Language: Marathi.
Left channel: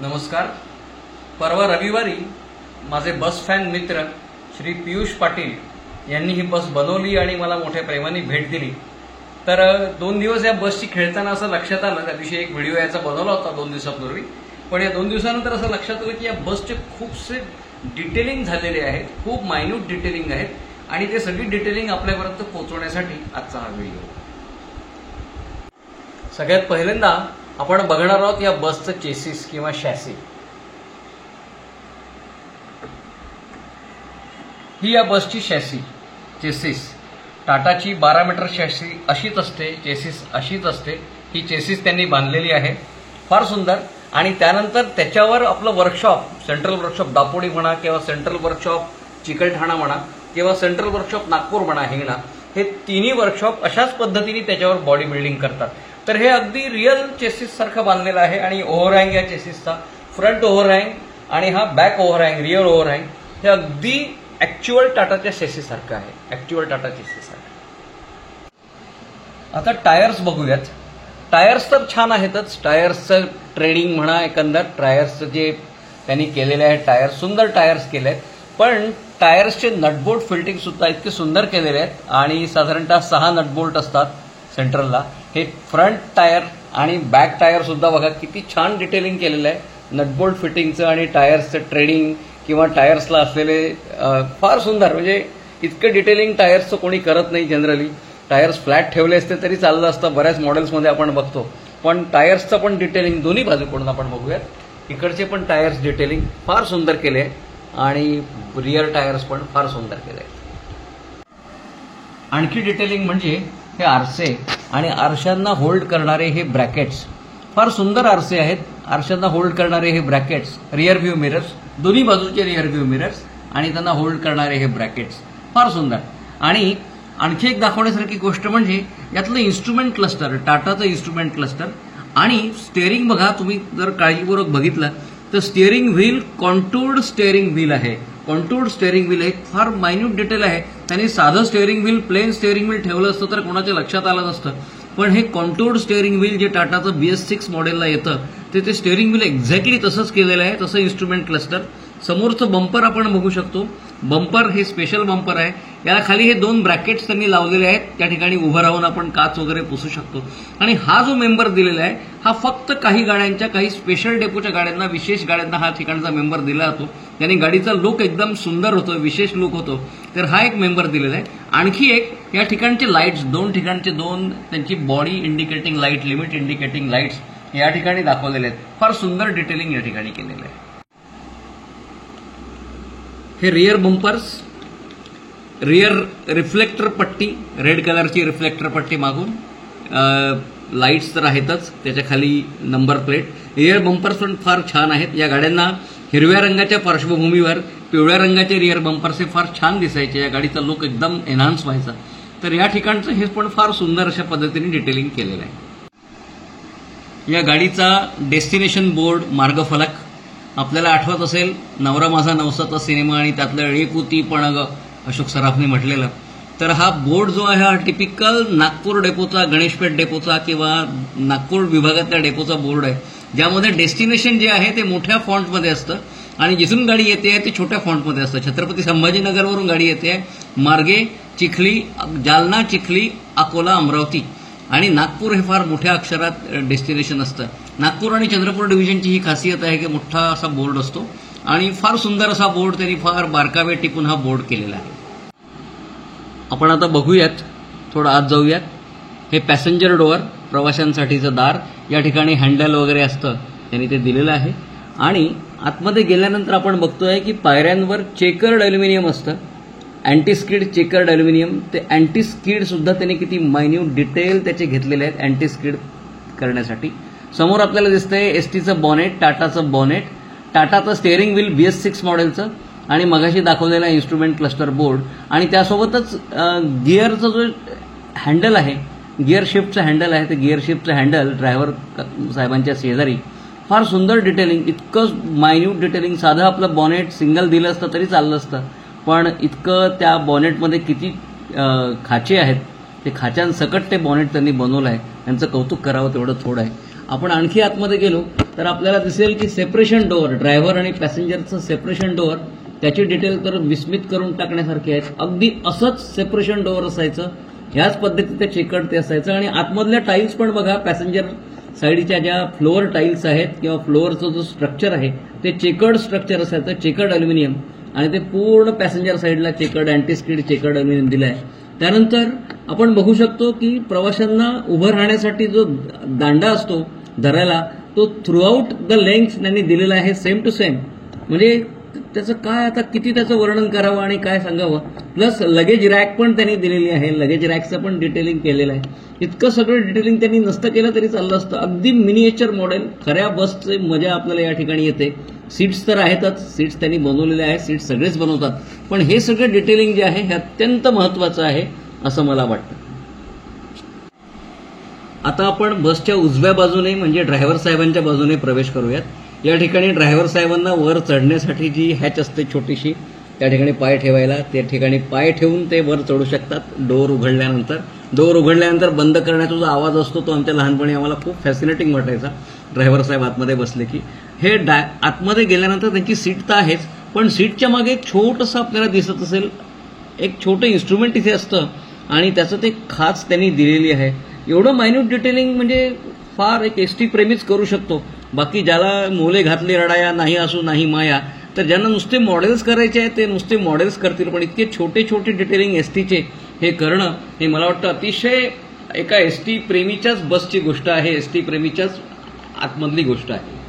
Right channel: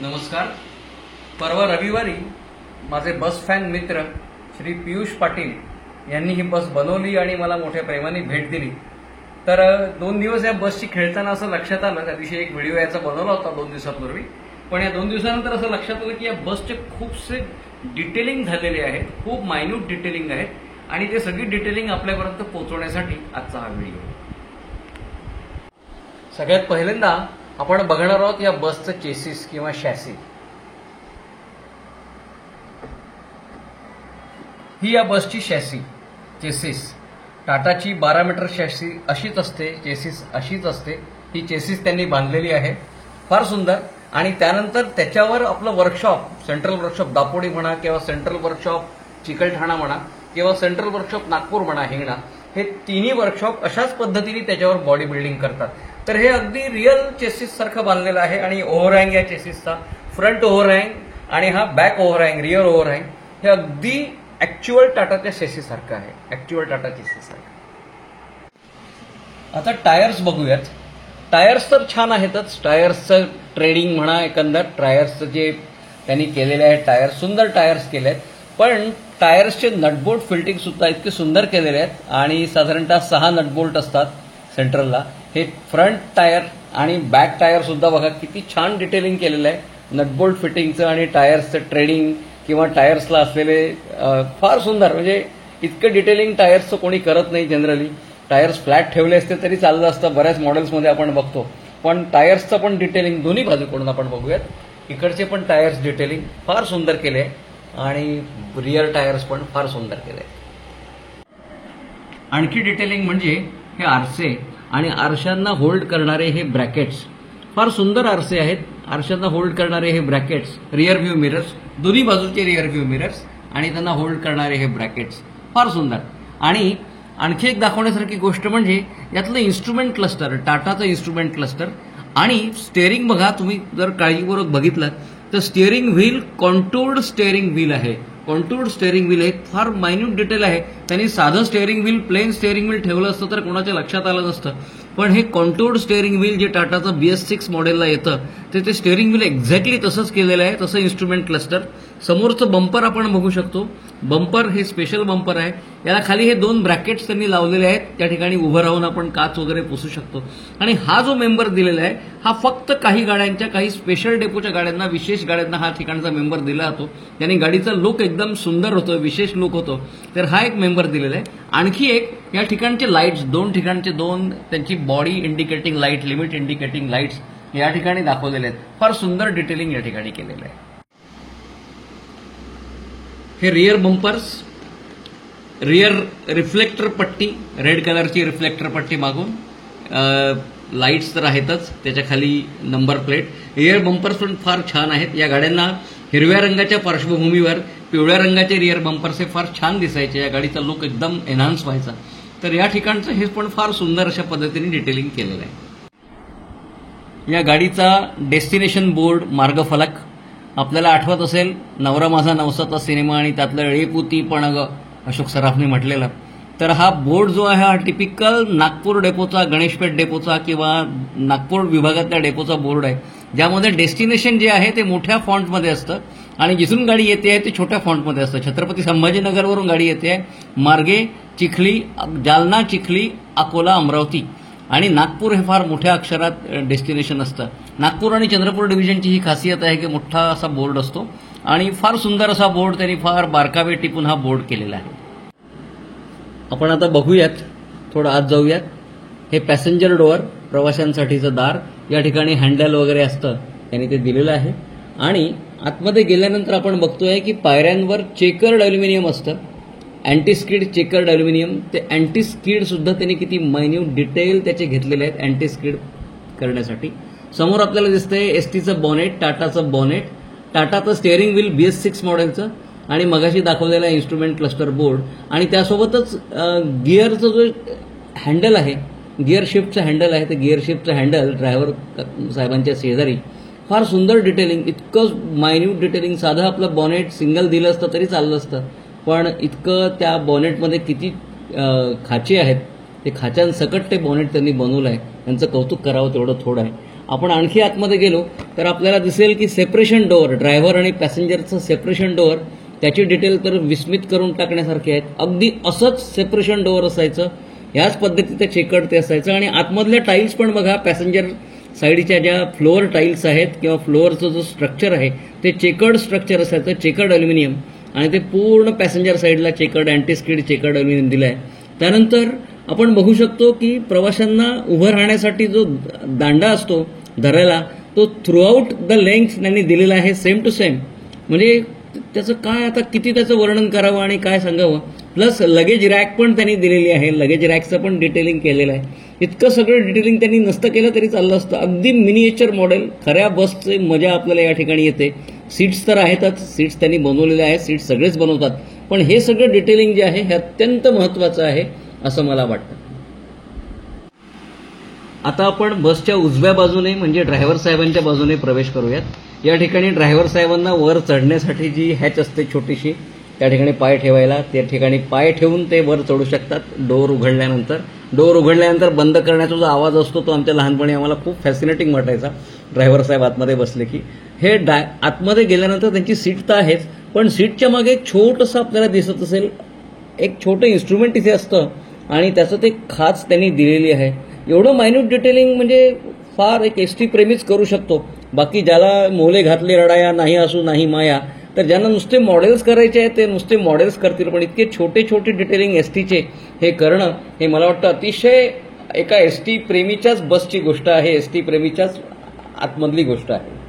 नमस्कार. परवा रविवारी माझे बस फॅन मित्र श्री पियुष पाटील यांनी ही बस बनवली आणि मला मोठ्या प्रेमाने भेट दिली. तर 2 दिवस या बसची खेळताना असं लक्षात आलं, त्या दिवशी एक व्हिडिओ याचा बनवला होता 2 दिवसापूर्वी, पण या 2 दिवसानंतर असं लक्षात आलं की या बसचे खूपसे डिटेलिंग झालेले आहेत, खूप मायन्यूट डिटेलिंग आहेत आणि ते सगळी डिटेलिंग आपल्यापर्यंत पोहोचवण्यासाठी आजचा हा व्हिडिओ. सगळ्यात पहिल्यांदा आपण बघणार आहोत या बसचं चेसिस किंवा शॅसी. ही या बसची शॅसी चेसिस टाटाची 12 मीटर शॅसी अशीच असते, चेसिस अशीच असते. ही चेसिस त्यांनी बांधलेली आहे, फार सुंदर. आणि त्यानंतर त्याच्यावर आपलं वर्कशॉप, सेंट्रल वर्कशॉप दापोडी म्हणा किंवा सेंट्रल वर्कशॉप चिकलठाणा म्हणा किंवा सेंट्रल वर्कशॉप नागपूर म्हणा हिंगणा, हे तिन्ही वर्कशॉप अशाच पद्धतीने त्याच्यावर बॉडी बिल्डिंग करतात. तर हे अगदी रिअल चेसिस सारखं बांधलेलं आहे आणि ओव्हरहँग या चेसिसचा, फ्रंट ओव्हरहँग आणि हा बॅक ओव्हरहँग, रिअर ओव्हरहँग, हे अगदी ऍक्च्युअल टाटाच्या चेसिस सारखं आहे, ऍक्च्युअल टाटा चेसिस सारखं. आता टायर्स बघूयात. टायर्स तर छान आहेतच, टायर्सचं ट्रेडिंग म्हणा, एकंदर टायर्सचं जे त्यांनी केलेले आहे, टायर्स सुंदर टायर्स केले आहेत. पण टायर्सचे नटबोल्ट फिल्टिंग सुद्धा इतके सुंदर केलेले आहेत आणि साधारणतः 6 नटबोल्ट असतात सेंट्रलला. हे फ्रंट टायर आणि बॅक टायर सुद्धा बघा किती छान डिटेलिंग केलेलं आहे. नटबोल्ट फिटिंगचं आणि टायर्सचं ट्रेडिंग किंवा टायर्सला असलेले फार सुंदर, म्हणजे इतकं डिटेलिंग टायर्सचं कोणी करत नाही जनरली. टायर्स फ्लॅट ठेवले असते तरी चाललं असतं, बऱ्याच मॉडेल्समध्ये आपण बघतो. पण टायर्सचं पण डिटेलिंग दोन्ही बाजूकडून आपण बघूयात. इकडचे पण टायर्स डिटेलिंग फार सुंदर केले आहे आणि रिअर टायर्स पण फार सुंदर केले आहेत. आणखी डिटेलिंग म्हणजे हे आरसे आणि आरशांना होल्ड करणारे हे ब्रॅकेट्स, फार सुंदर आरसे आहेत. आरशांना होल्ड करणारे हे ब्रॅकेट्स, रिअर व्ह्यू मिरर्स, दोन्ही बाजूचे रिअर व्ह्यू मिरर्स आणि त्यांना होल्ड करणारे हे ब्रॅकेट्स, फार सुंदर. आणि आणखी एक दाखवण्यासारखी गोष्ट म्हणजे यातलं इन्स्ट्रुमेंट क्लस्टर, टाटाचं इन्स्ट्रुमेंट क्लस्टर आणि स्टेअरिंग बघा. तुम्ही जर काळजीपूर्वक बघितलं तर स्टिअरिंग व्हील कॉन्टूर्ड स्टिअरिंग व्हील आहे, कॉन्टूर्ड स्टिअरिंग व्हील आहे, फार मायन्यूट डिटेल आहे. त्यांनी साधं steering wheel, plain steering wheel ठेवलं असतं तर कोणाच्या लक्षात आलं नसतं. पण हे कॉन्टूर्ड स्टिअरिंग व्हील जे टाटाचं BS6 मॉडेलला येतं ते स्टिअरिंग व्हील एक्झॅक्टली तसंच केलेलं आहे. तसं इन्स्ट्रुमेंट क्लस्टर. समोरचं बंपर आपण बघू शकतो, बंपर हे स्पेशल बंपर आहे. याला खाली हे 2 ब्रॅकेट्स त्यांनी लावलेले आहेत, त्या ठिकाणी उभं राहून आपण काच वगैरे पुसू शकतो. आणि हा जो मेंबर दिलेला आहे हा फक्त काही गाड्यांच्या, काही स्पेशल डेपोच्या गाड्यांना, विशेष गाड्यांना हा ठिकाणचा मेंबर दिला जातो. त्याने गाडीचा लुक एकदम सुंदर होतो, विशेष लुक होतो. तर हा एक मेंबर दिलेला आहे. आणखी एक या ठिकाणचे लाईट्स, 2 ठिकाणचे 2 त्यांची body indicating light, limit indicating lights या ठिकाणी दाखवलेले आहेत. फार सुंदर डिटेलिंग या ठिकाणी केलेलं आहे. हे रिअर बंपर्स, रिअर रिफ्लेक्टर पट्टी, रेड कलरची रिफ्लेक्टर पट्टी मागून, लाईट्स तर आहेतच, त्याच्या खाली नंबर प्लेट. रिअर बंपर्स पण फार छान आहेत. या गाड्यांना हिरव्या रंगाच्या पार्श्वभूमीवर पिवळ्या रंगाचे रिअर बंपर्स हे फार छान दिसायचे, या गाडीचा लुक एकदम एनहान्स व्हायचा. तर या ठिकाणचं हे पण फार सुंदर अशा पद्धतीने डिटेलिंग केलेलं आहे. या गाडीचा डेस्टिनेशन बोर्ड, मार्गफलक, आपल्याला आठवत असेल नवरा माझा नवसाचा सिनेमा आणि त्यातलं एळीपुती पण अशोक सराफने म्हटलेलं. तर हा बोर्ड जो आहे हा टिपिकल नागपूर डेपोचा, गणेशपेठ डेपोचा किंवा नागपूर विभागातल्या डेपोचा बोर्ड आहे, ज्यामध्ये डेस्टिनेशन जे आहे ते मोठ्या फॉन्टमध्ये असतं आणि जिथून गाडी येते आहे ते छोट्या फॉन्टमध्ये असतं. छत्रपती संभाजीनगरवरून गाडी येते आहे, मार्गे चिखली, जालना, चिखली, अकोला, अमरावती आणि नागपूर हे फार मोठ्या अक्षरात डेस्टिनेशन असतं. नागपूर आणि चंद्रपूर डिव्हिजनची ही खासियत आहे की मोठा असा बोर्ड असतो आणि फार सुंदर असा बोर्ड, त्यांनी फार बारकावे टिपून हा बोर्ड केलेला आहे. आपण आता बघूयात, थोडं आत जाऊयात. हे पॅसेंजर डोअर, प्रवाशांसाठीचं दार, या ठिकाणी हँडल वगैरे असतं, त्यांनी ते दिलेलं आहे. आणि आतमध्ये गेल्यानंतर आपण बघतोय की पायऱ्यांवर चेकर्ड अल्युमिनियम असतं, अँटी स्किड चेकर्ड अल्युमिनियम. ते अँटी स्किड सुद्धा त्यांनी किती मायन्यूट डिटेल त्याचे घेतलेले आहेत अँटी स्किड करण्यासाठी. समोर आपल्याला दिसतंय एसटीचं बॉनेट, टाटाचं बॉनेट, टाटाचं स्टिअरिंग व्हील BS6 मॉडेलचं आणि मगाशी दाखवलेला इन्स्ट्रुमेंट क्लस्टर बोर्ड आणि त्यासोबतच गिअरचं जो हँडल आहे, गिअर शिफ्टचं हँडल आहे, ते गिअर शिफ्टचं हँडल ड्रायव्हर साहेबांच्या शेजारी. फार सुंदर डिटेलिंग, इतकं मायन्यूट डिटेलिंग. साधं आपलं बॉनेट सिंगल दिलं असतं तरी चाललं असतं, पण इतकं त्या बॉनेटमध्ये किती खाचे आहेत, ते खाच्यांसकट ते बॉनेट त्यांनी बनवलं आहे. त्यांचं कौतुक करावं तेवढं थोडं आहे. आपण आणखी आतमध्ये गेलो तर आपल्याला दिसेल की सेपरेशन डोअर, ड्रायव्हर आणि पॅसेंजरचं सेपरेशन डोअर, त्याची डिटेल विस्मित करून टाकण्यासारखे आहेत. अगदी असंच सेपरेशन डोअर असायचं, ह्याच पद्धतीचं चेकर्ड ते असायचं. आणि आतमधल्या टाईल्स पण बघा, पॅसेंजर साईडच्या ज्या फ्लोअर टाईल्स आहेत किंवा फ्लोअरचं जो स्ट्रक्चर आहे ते चेकर्ड स्ट्रक्चर असायचं, चेकर्ड अल्युमिनियम. आणि ते पूर्ण पॅसेंजर साईडला checkered anti skid checkered aluminium दिलं आहे. त्यानंतर आपण बघू शकतो की प्रवाशांना उभं राहण्यासाठी जो दांडा असतो धरायला, तो थ्रूआउट द लेंथ त्यांनी दिलेला आहे, सेम टू सेम. म्हणजे त्याचं काय आता किती त्याचं वर्णन करावं आणि काय सांगावं. प्लस लगेज रॅक पण त्यांनी दिलेली आहे, लगेज रॅकचं पण डिटेलिंग केलेलं आहे. इतकं सगळं डिटेलिंग त्यांनी नसतं केलं तरी चाललं असतं. अगदी मिनिएचर मॉडेल. खऱ्या बसची मजा आपल्याला या ठिकाणी येते. सीट्स तर आहेतच, सीट्स त्यांनी बनवलेले आहेत, सीट्स सगळेच बनवतात, पण हे सगळं डिटेलिंग जे आहे हे अत्यंत महत्वाचं आहे असं मला वाटतं. आता आपण बसच्या उजव्या बाजूने म्हणजे ड्रायव्हर साहेबांच्या बाजूने प्रवेश करूयात. या ठिकाणी ड्रायव्हर साहेबांना वर चढण्यासाठी जी हॅच असते छोटीशी, त्या ठिकाणी पाय ठेवायला, त्या ठिकाणी पाय ठेवून ते वर चढू शकतात. डोअर उघडल्यानंतर बंद करण्याचा जो आवाज असतो तो आमच्या लहानपणी आम्हाला खूप फॅसिनेटिंग वाटायचा. ड्रायव्हर साहेब आतमध्ये बसले की हे आतमध्ये गेल्यानंतर त्यांची सीट तर आहेच, पण सीटच्या मागे एक छोटंसं आपल्याला दिसत असेल, एक छोटं इन्स्ट्रुमेंट इथे असतं आणि त्याचं ते खाच त्यांनी दिलेली आहे. एवढं मायन्यूट डिटेलिंग म्हणजे फार एक एसटी प्रेमीच करू शकतो. बाकी ज्याला मोले घातली रडाया, नाही असू नाही माया, तर ज्यांना नुसते मॉडेल्स करायचे आहेत ते नुसते मॉडेल्स करतील, पण इतके छोटे छोटे डिटेलिंग एसटीचे हे करणं हे मला वाटतं अतिशय एका एसटी प्रेमीच्याच बसची गोष्ट आहे, एसटी प्रेमीच्याच आतमधली गोष्ट आहे.